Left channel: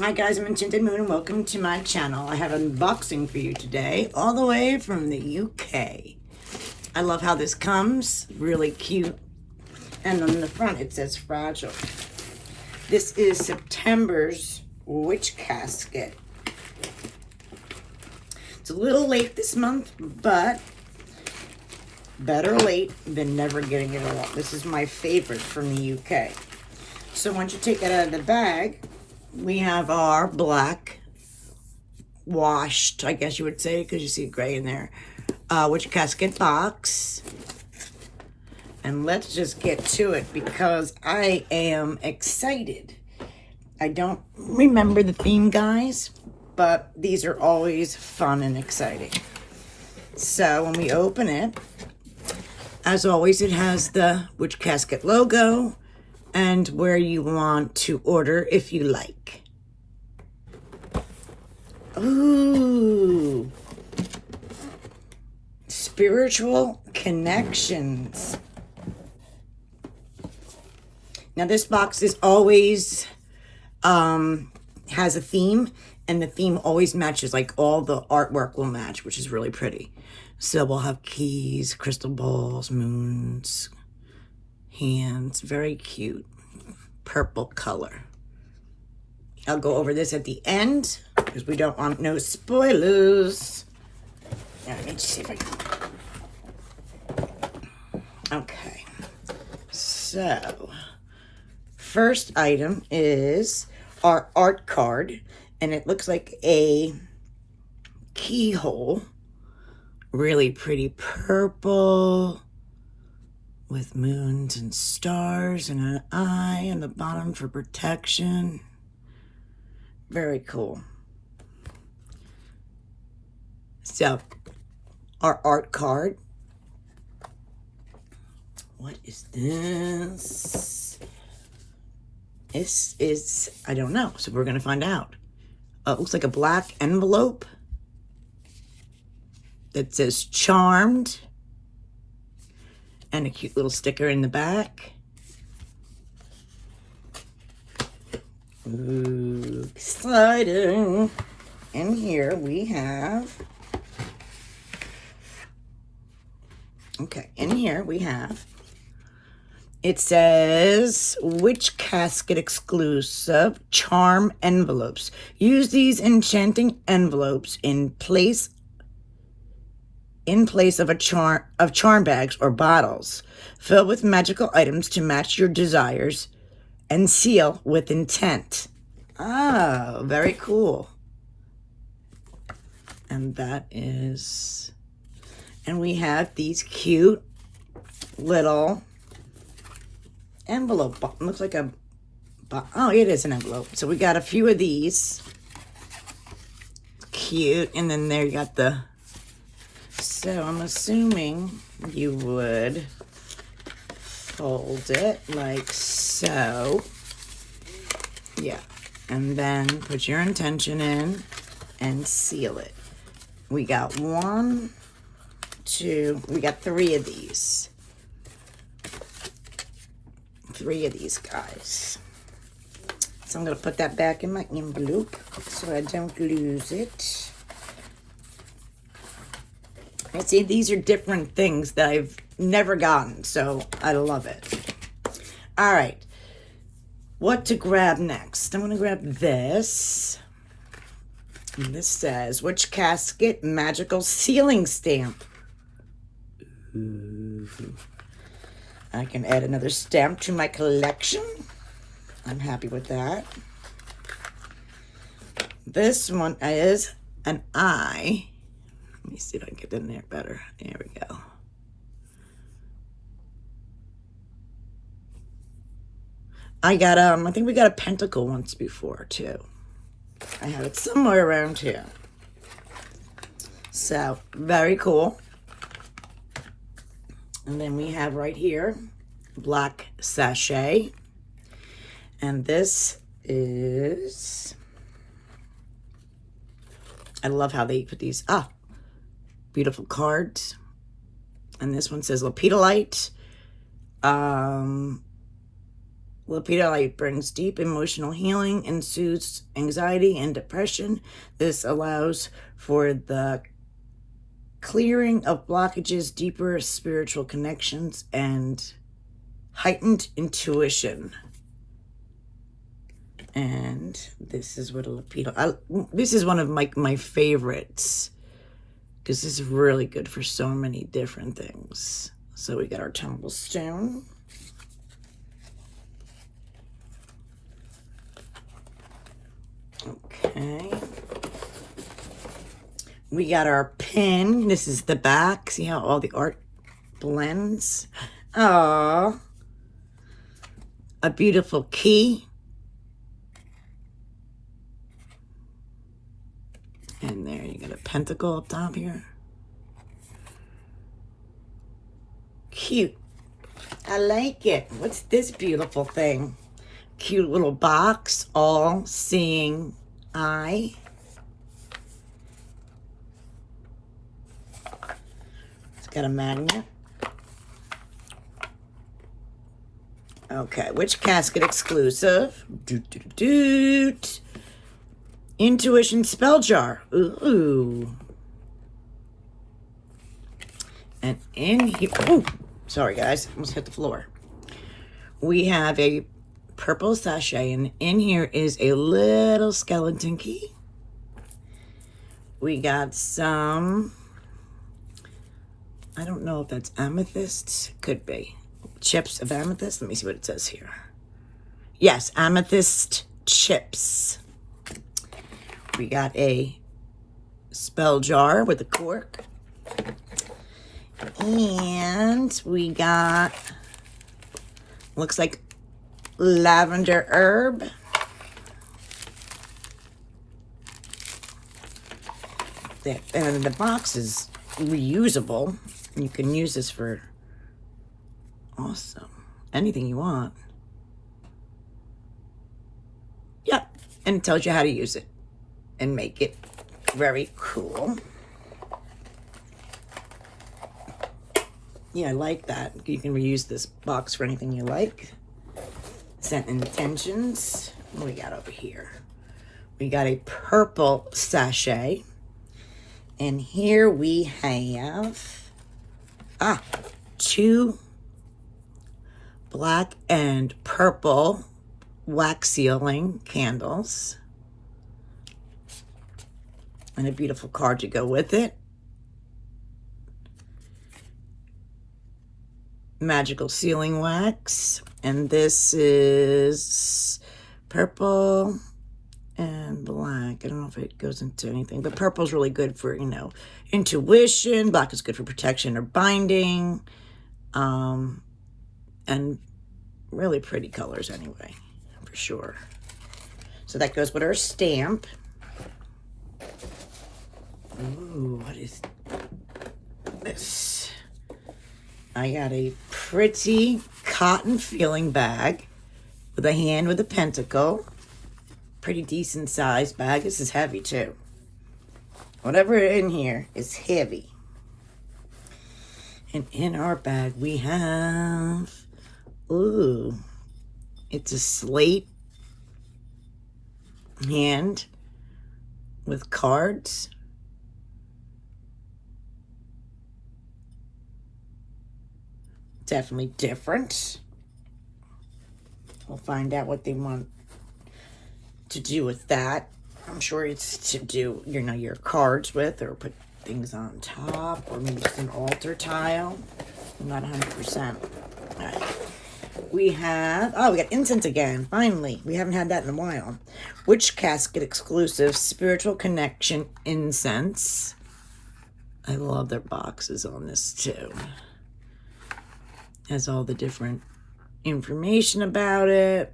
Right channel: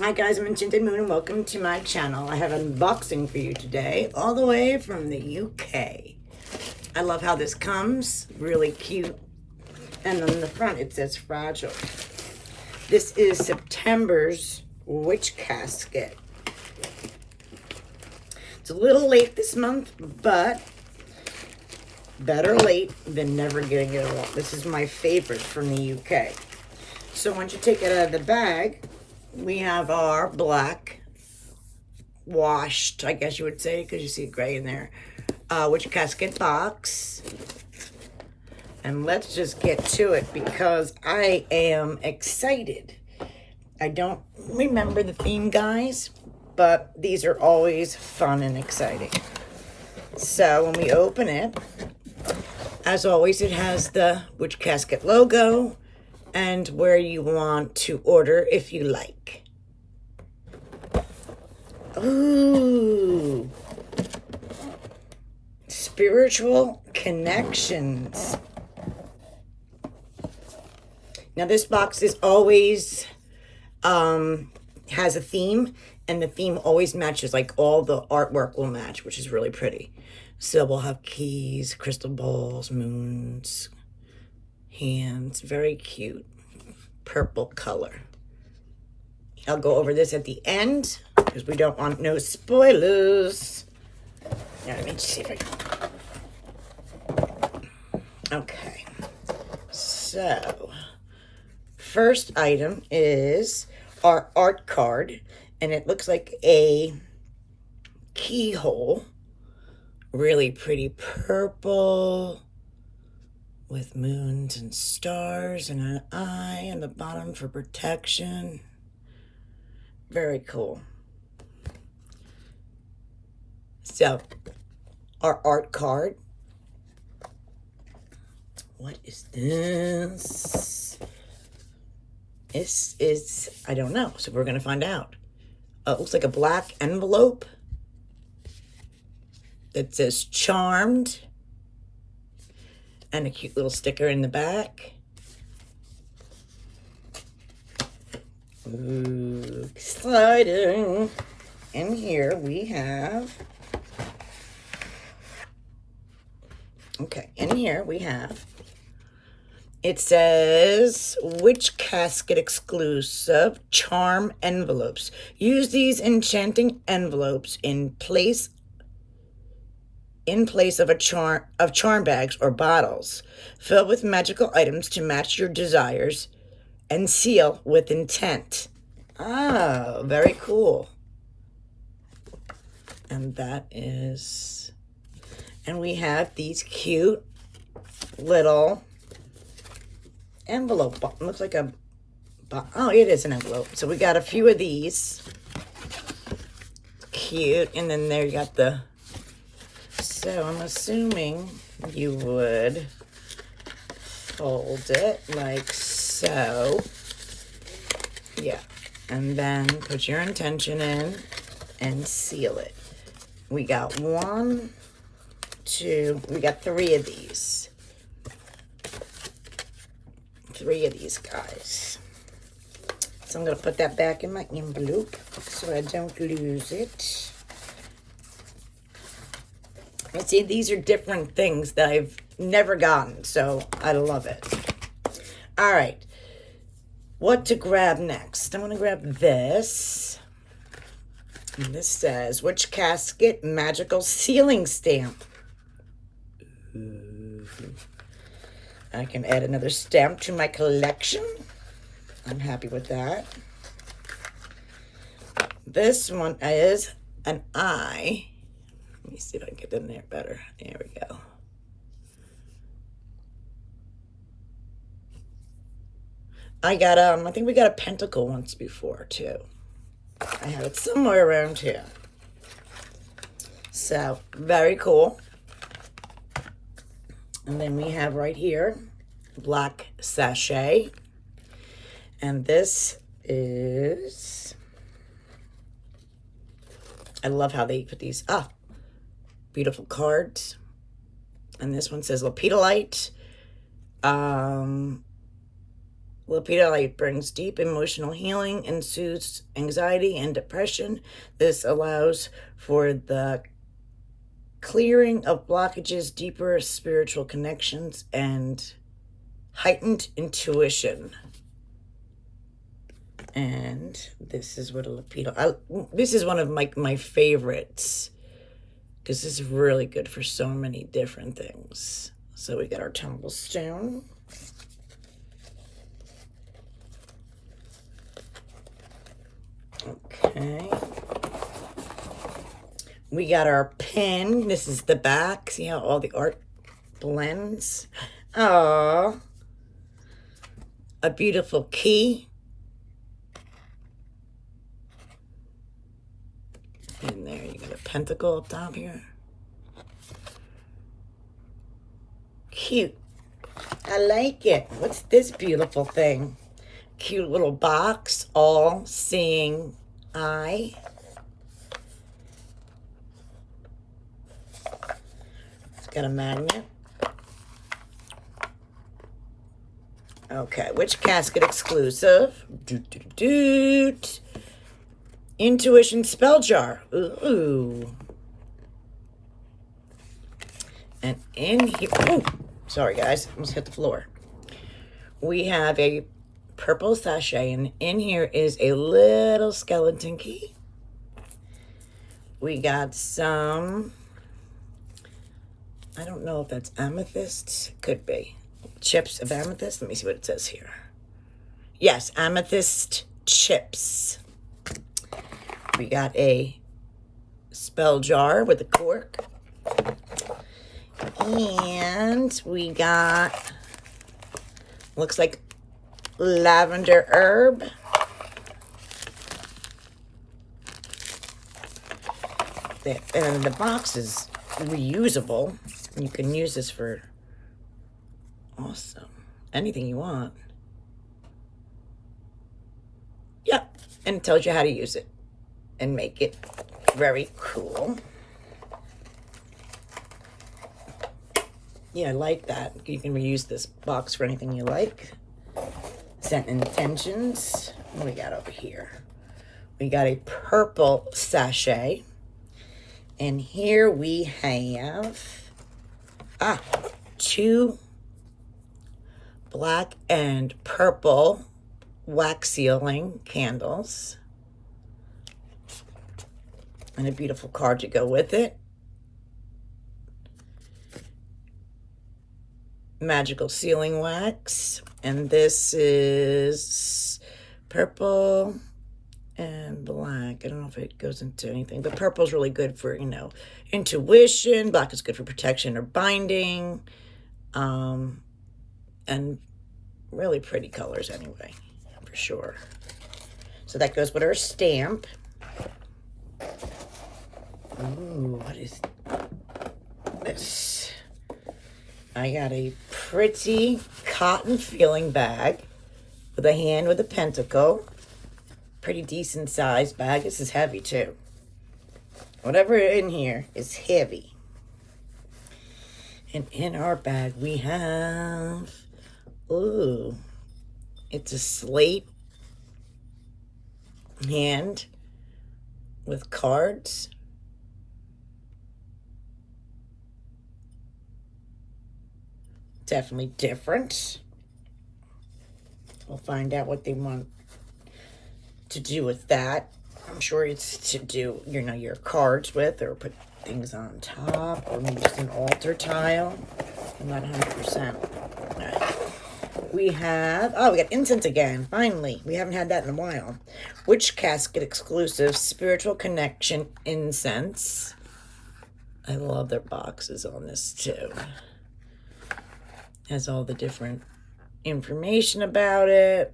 Hi guys, I'm Enchanted Moon and welcome to my channel. I have an unboxing for you today, all the way from the UK. I love how this comes, really cute. And on the front it says fragile. This is September's Witch Casket. It's a little late this month, but better late than never getting it at all. This is my favorite from the UK. So once you take it out of the bag, we have our black washed, I guess you would say, because you see gray in there, Witch Casket box. And let's just get to it because I am excited. I don't remember the theme, guys, but these are always fun and exciting. So when we open it, as always, it has the Witch Casket logo and where you want to order if you like. Ooh. Spiritual connections. Now this box is always has a theme, and the theme always matches, like all the artwork will match, which is really pretty. So we'll have keys, crystal balls, moons, hands, very cute, purple color. I'll go over this at the end because we don't want no spoilers. Yeah, let me see if I can. Okay, so first item is our art card, and it looks like a keyhole, really pretty purple with moons and stars and an eye in the bottom for protection. Very cool. So, our art card. What is this? This is, I don't know, so we're going to find out. It looks like a black envelope that says Charmed, and a cute little sticker in the back. Ooh, exciting. In here we have, it says Witch Casket exclusive charm envelopes. Use these enchanting envelopes in place of charm bags or bottles. Fill with magical items to match your desires and seal with intent. Oh, very cool. And that is, and we have these cute little envelope. Looks like a, oh, it is an envelope. So we got a few of these. Cute. And then there you got the, so I'm assuming you would fold it like so. Yeah. And then put your intention in and seal it. We got one, two, we got three of these. Three of these guys. So I'm going to put that back in my envelope so I don't lose it. And see, these are different things that I've never gotten, so I love it. All right. What to grab next? I'm going to grab this. And this says Witch Casket Magical Sealing Stamp. Ooh. I can add another stamp to my collection. I'm happy with that. This one is an eye. Let me see if I can get in there better. There we go. I got, I think we got a pentacle once before, too. I have it somewhere around here. So, very cool. And then we have right here, black sachet. And this is, I love how they put these, beautiful cards. And this one says Lapidolite. Lapidolite brings deep emotional healing and soothes anxiety and depression. This allows for the clearing of blockages, deeper spiritual connections, and heightened intuition. And this is what a lapidolite. This is one of my favorites, because this is really good for so many different things. So we got our tumble stone. Okay. We got our pin. This is the back. See how all the art blends? Oh, a beautiful key. And there, you got a pentacle up top here. Cute. I like it. What's this beautiful thing? Cute little box, all seeing eye. It's got a magnet. Okay, Witch Casket exclusive. Doot, doot, doot. Intuition spell jar. Ooh. And in here, oh, sorry guys, almost hit the floor. We have a purple sachet, and in here is a little skeleton key. We got some, I don't know if that's amethyst, could be. Chips of amethyst, let me see what it says here. Yes, amethyst chips. We got a spell jar with a cork. And we got, looks like lavender herb. The box is reusable. You can use this for awesome anything you want. Yeah, and it tells you how to use it and make it very cool. Yeah, I like that. You can reuse this box for anything you like. Scent intentions. What do we got over here? We got a purple sachet. And here we have two black and purple wax sealing candles. And a beautiful card to go with it. Magical sealing wax. And this is purple and black. I don't know if it goes into anything, but purple's really good for, you know, intuition. Black is good for protection or binding. And really pretty colors anyway, for sure. So that goes with our stamp. Ooh, what is this? I got a pretty cotton feeling bag with a hand with a pentacle. Pretty decent sized bag. This is heavy too. Whatever in here is heavy. And in our bag we have, ooh, it's a slate hand with cards. Definitely different. We'll find out what they want to do with that. I'm sure it's to do, you know, your cards with, or put things on top, or maybe just an altar tile. I'm not 100%. All right. We have, oh, we got incense again. Finally. We haven't had that in a while. Witch Casket exclusive spiritual connection incense. I love their boxes on this too. Has all the different information about it.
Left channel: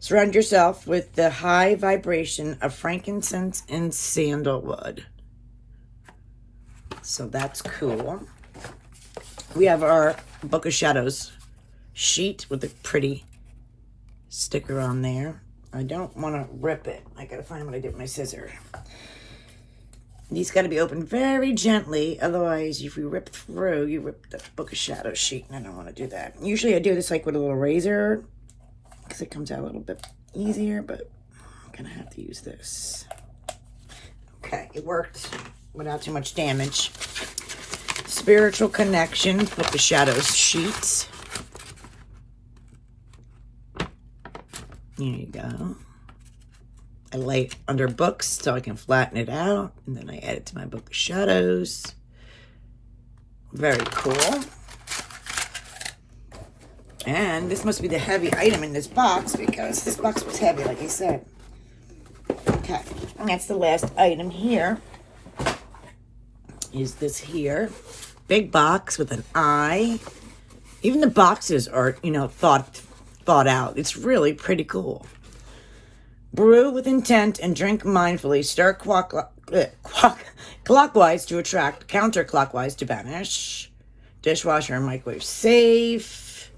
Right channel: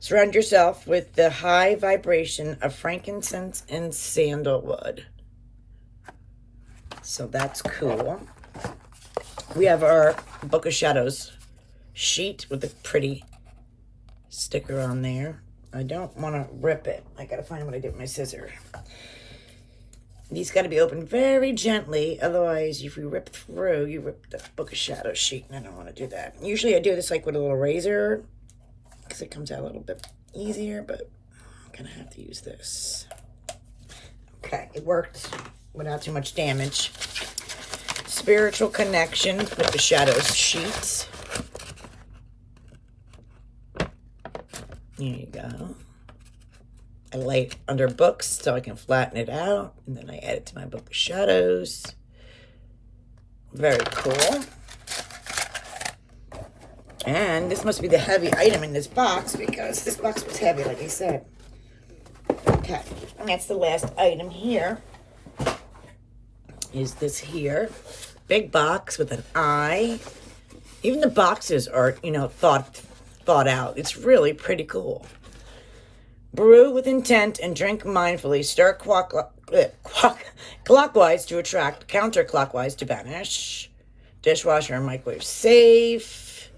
Surround yourself with the high vibration of frankincense and sandalwood. So that's cool. We have our Book of Shadows sheet with a pretty sticker on there. I don't want to rip it. I gotta find what I did with my scissor. These got to be opened very gently. Otherwise, if you rip through, you rip the Book of Shadows sheet. And I don't want to do that. Usually I do this like with a little razor, because it comes out a little bit easier, but I'm going to have to use this. Okay, it worked without too much damage. Spiritual Connections with the Shadows sheets. Here you go. I lay it under books so I can flatten it out, and then I add it to my Book of Shadows. Very cool. And this must be the heavy item in this box, because this box was heavy, like I said. Okay, and that's the last item here. Is this here. Big box with an eye. Even the boxes are, you know, thought out. It's really pretty cool. Brew with intent and drink mindfully. Stir clockwise to attract, counterclockwise to banish. Dishwasher and microwave safe.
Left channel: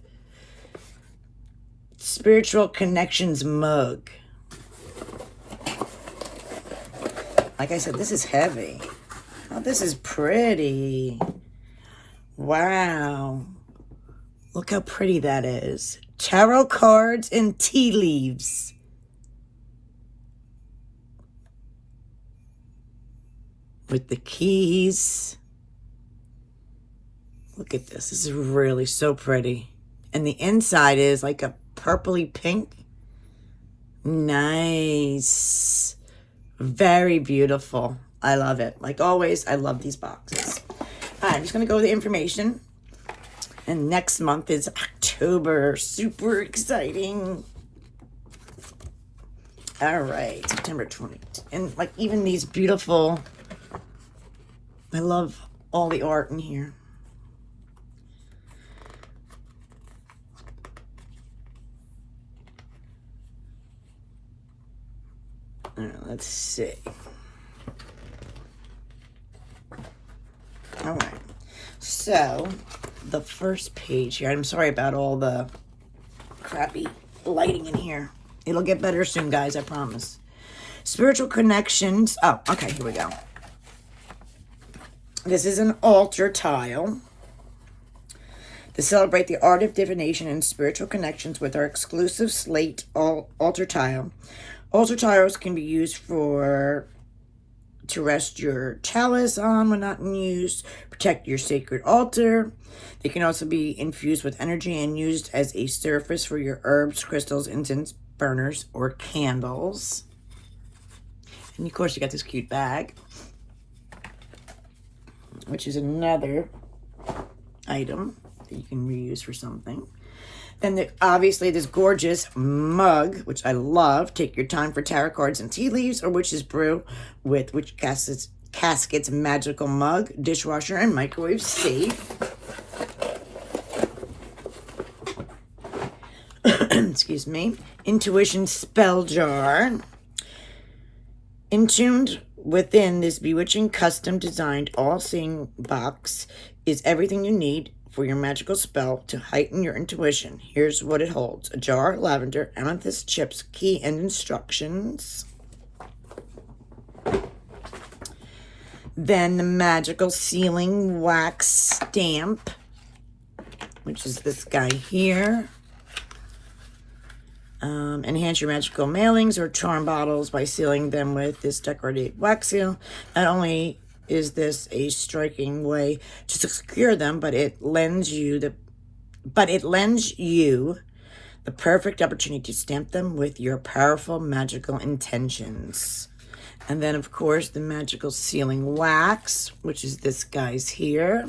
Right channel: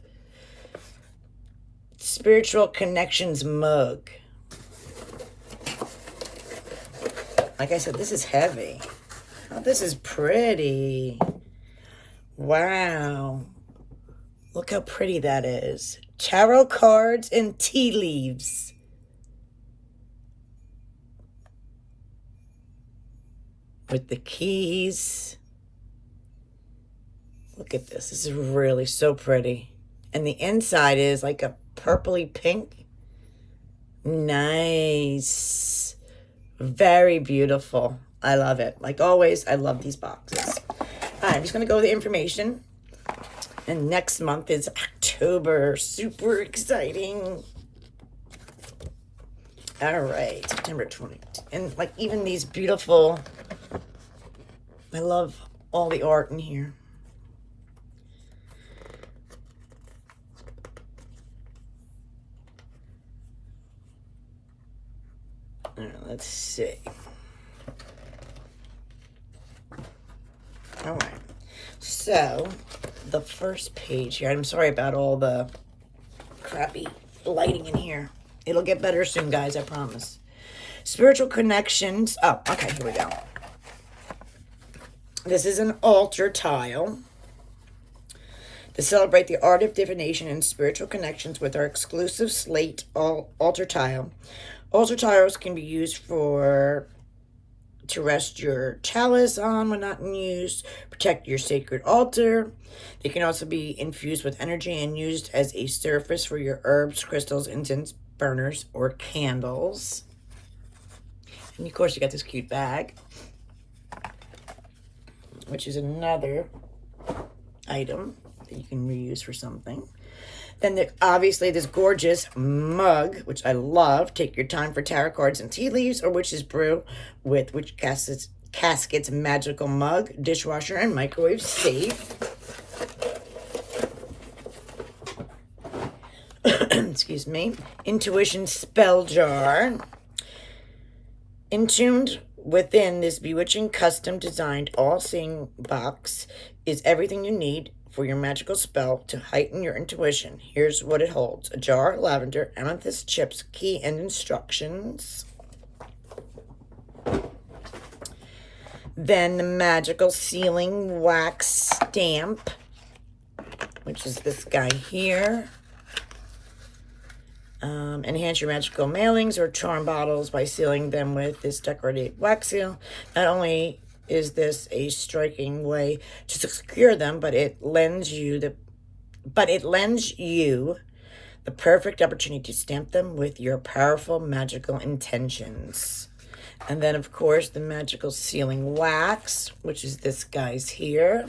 Spiritual Connections mug. Like I said, this is heavy. Oh, this is pretty. Wow. Look how pretty that is. Tarot cards and tea leaves. With the keys. Look at this. This is really so pretty. And the inside is like a purpley pink. Nice. Very beautiful. I love it. Like always, I love these boxes. I'm just going to go with the information. And next month is October. Super exciting. All right. September 20th. And like even these beautiful... I love all the art in here. Let's see. All right. So, the first page here. I'm sorry about all the crappy lighting in here. It'll get better soon, guys, I promise. Spiritual Connections. Oh, okay, here we go. This is an altar tile to celebrate the art of divination and spiritual connections with our exclusive slate altar tile. Altar tiles can be used to rest your chalice on when not in use, protect your sacred altar. They can also be infused with energy and used as a surface for your herbs, crystals, incense burners, or candles. And of course, you got this cute bag, which is another item that you can reuse for something. Then obviously this gorgeous mug, which I love. Take your time for tarot cards and tea leaves, or Witch's Brew with Witch Casket's magical mug, dishwasher, and microwave safe. Excuse me. Intuition spell jar. Entombed within this bewitching, custom-designed, all-seeing box is everything you need for your magical spell to heighten your intuition. Here's what it holds. A jar, lavender, amethyst chips, key, and instructions. Then the magical sealing wax stamp, which is this guy here. Enhance your magical mailings or charm bottles by sealing them with this decorative wax seal. Not only is this a striking way to secure them, but it lends you the perfect opportunity to stamp them with your powerful magical intentions. And then, of course, the magical sealing wax, which is this guy's here.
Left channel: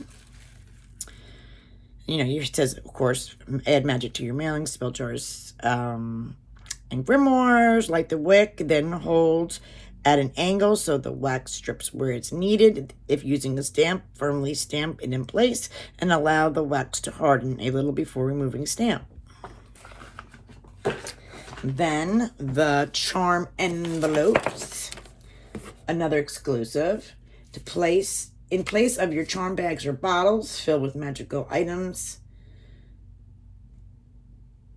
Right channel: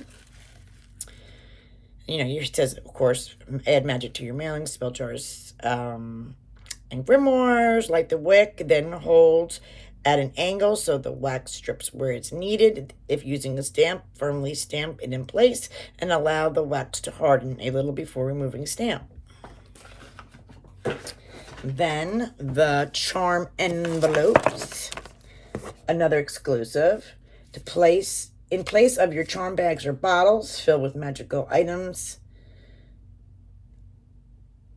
You know, it says, of course, add magic to your mailings, spell jars, and grimoires. Light the wick, then hold at an angle so the wax strips where it's needed. If using a stamp, firmly stamp it in place and allow the wax to harden a little before removing stamp. Then the charm envelopes, another exclusive. In place of your charm bags or bottles, fill with magical items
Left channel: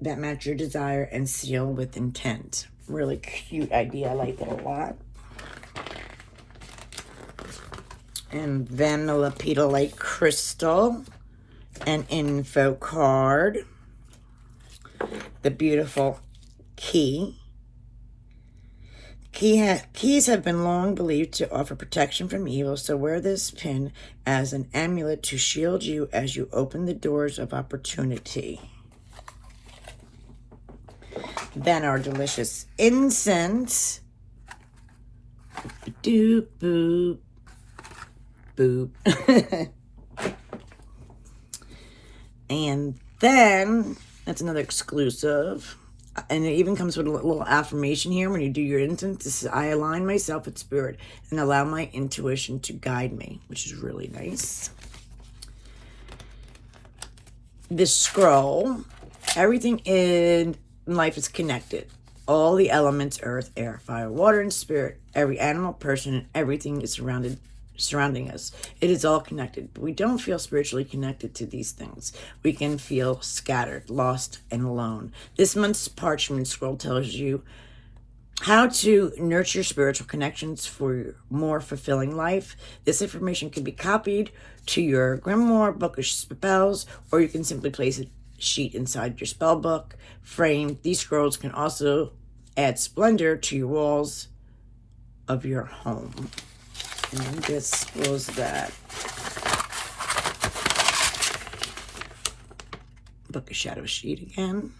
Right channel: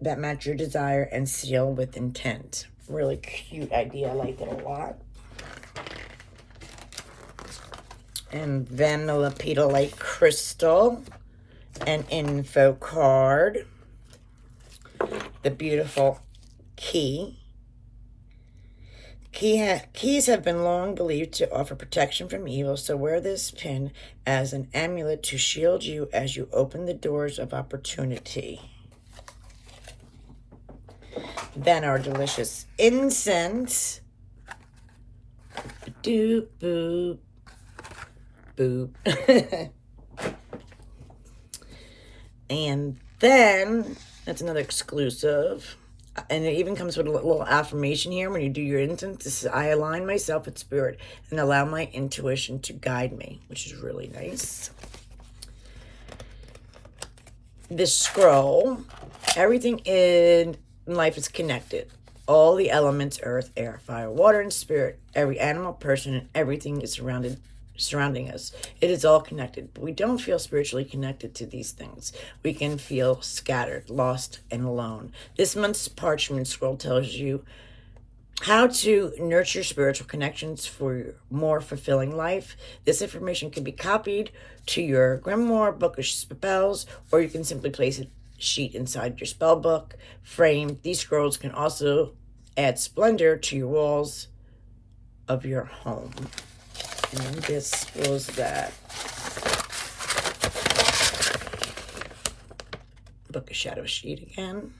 that match your desire and seal with intent. Really cute idea. I like it a lot. And then the lapidolite crystal, an info card, the beautiful key. Keys have been long believed to offer protection from evil, so wear this pin as an amulet to shield you as you open the doors of opportunity. Then our delicious incense. Doop, boop, boop. And then, that's another exclusive. And it even comes with a little affirmation here when you do your incense. This is, I align myself with spirit and allow my intuition to guide me, which is really nice. This scroll, everything in life is connected. All the elements, earth, air, fire, water, and spirit, every animal, person, and everything is surrounding us. It is all connected, but we don't feel spiritually connected to these things. We can feel scattered, lost, and alone. This month's parchment scroll tells you how to nurture spiritual connections for more fulfilling life. This information can be copied to your grimoire, book of spells, or you can simply place a sheet inside your spell book frame. These scrolls can also add splendor to your walls of your home. And this was that. Book of Shadow sheet again.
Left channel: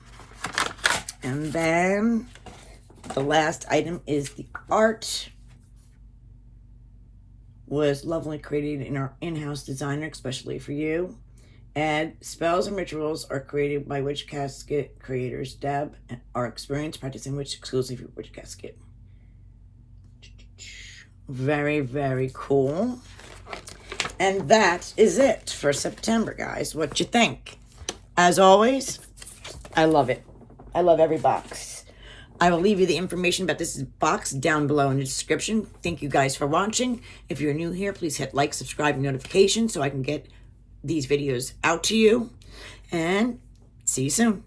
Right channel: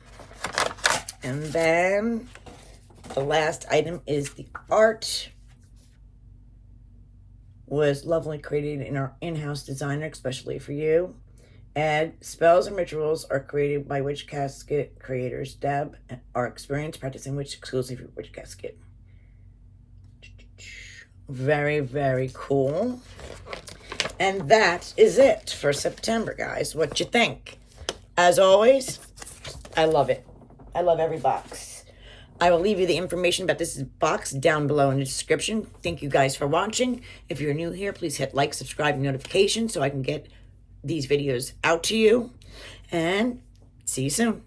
And then the last item is the art. Was lovely created in our in-house designer, especially for you. And spells and rituals are created by Witch Casket creators Deb and our experience practicing witch exclusively for Witch Casket. Very, very cool. And that is it for September, guys. What you think? As always, I love it. I love every box. I will leave you the information about this box down below in the description. Thank you guys for watching. If you're new here, please hit like, subscribe, and notifications so I can get these videos out to you. And see you soon.